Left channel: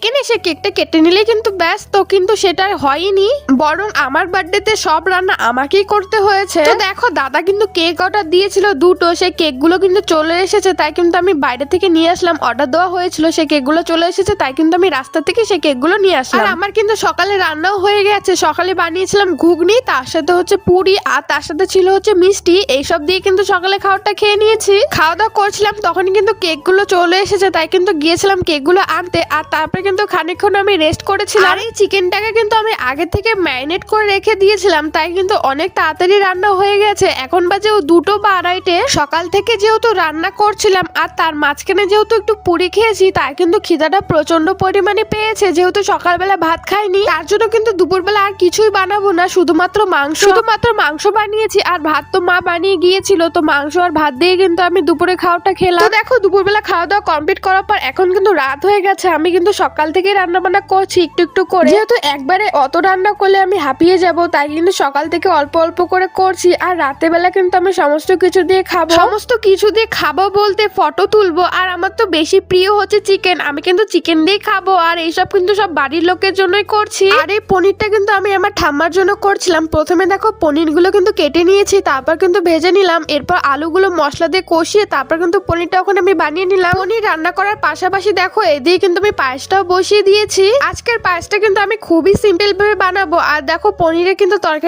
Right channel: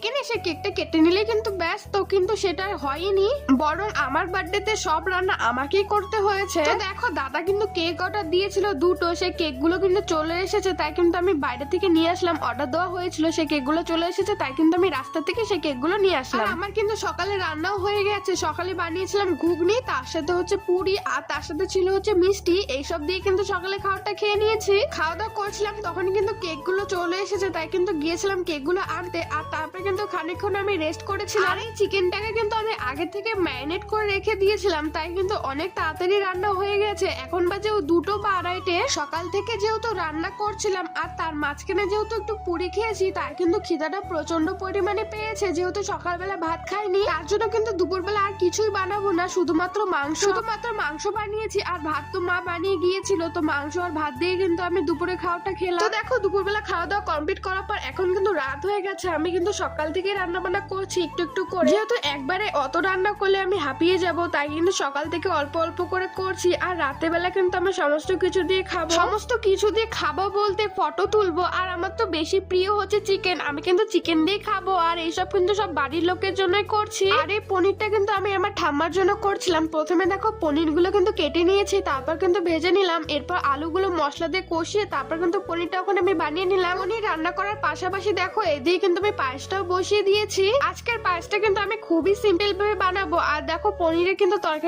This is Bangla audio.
কেক এনে সে কেকটা কেটে নিলে কিন্তু ব্যাস, তো কিন্তু সেটা আর হয়নি, বরং আমার বার্থডেতে সব রান্না আমাকেই করতে হয়েছে। তো দেখো দাদা কিন্তু কেক অর্ডার দিয়েছিল দুটো, সেই কেকগুলো কিন্তু চলে এসেছে, তাই কিন্তু আমি বাইরে থেকে নিয়ে আসলাম। অর্ডার দেওয়া হয়েছিল, সেই কেকগুলো চলে এসেছে, তাই কিন্তু আমি রাস্তা থেকে সেই কেকগুলো নিয়ে আসলাম। আর আমার কিন্তু সকালে রান্নাও হয়ে গেছে। সকালে বানিয়েছিলাম ঘুগনি, তার সাথে হচ্ছে পুরি, আর তার সাথে ছিল হচ্ছে মিষ্টি। এইসব দিয়ে কিন্তু সকালে খাবারটা খেয়ে নিয়েছি। খাওয়া দাওয়া করছিলাম তখন কিন্তু কেকগুলো চলে এসেছে, তাই কিন্তু গিয়েছিলাম কেকগুলো আনতে। আর তারপরে কিন্তু খানিকক্ষণ আমি রেস্ট করেছিলাম। আর এই চিকেনটাকে কিন্তু আমি আগে থেকে ম্যারিনেট করে রেখে দিয়েছিলাম, তাই কিন্তু অনেক তাড়াতাড়ি রান্না হয়ে গেছে। এখন বাজে 2টো বা 2:30। সকাল থেকে যেহেতু রান্না করছিলাম আর তার মাঝখানে যেহেতু একটু পুরি খেয়েছি, তাই কিন্তু খিদাটা প্রচন্ড পরিমাণে পেয়েছে। যেহেতু সকালবেলা ভাত খাইনি, তার জন্য কিন্তু দুপুরবেলা আর কিছুই বানাবো না, শুধুমাত্র মাংস বানিয়েছি। আর ভাত তো মা বানিয়ে গিয়েছিল, তো মাংস আর ভাত দিয়ে কিন্তু আমি দুপুরে খাওয়াটা খেলাম। তো দেখো দুপুরবেলা খাওয়া দাওয়া কমপ্লিট করার পর এখন কিন্তু রাত হয়ে গেছে। আমি কিন্তু সকাল থেকে রান্না বান্না করছি একটু একটু করে, যেহেতু একবারে অত রান্না করলে আমি হাঁপিয়ে যাব, তাই কিন্তু সকাল থেকে অল্প অল্প করে করছি। আর রাতের বেলা কিন্তু আমি সমস্ত কিছু দিয়ে খাবো বলতে ফটো তুলবো। আর আমার তো বেশি প্রিয় হচ্ছে চিকেন, আমি কিন্তু চিকেন দিয়ে খাবো। আর এইসব কিন্তু সব বাড়ির লোকের জন্যই করছি। আর এই পনিরটা কিন্তু আমি আমার ঠাম্মার জন্য করছিলাম। প্রথমে দেখো পনিরগুলো কিন্তু কেটে নিয়েছি, তারপর কিন্তু ভেজে নিলাম। এরপর আলুগুলো মশলা দিয়ে কষিয়ে তারপর কিন্তু পনিরটা ওখানে আমি বানিয়ে নিলাম। পনির রান্না করার পাশাপাশি দেখো এদিকে কিন্তু আমি পায়েসটাও বসিয়ে দিয়েছি। আজকের পায়েসটা কিন্তু আমি খুবই সিম্পল ভাবে বানাবো। আর দেখো পনিরের কিন্তু তরকারি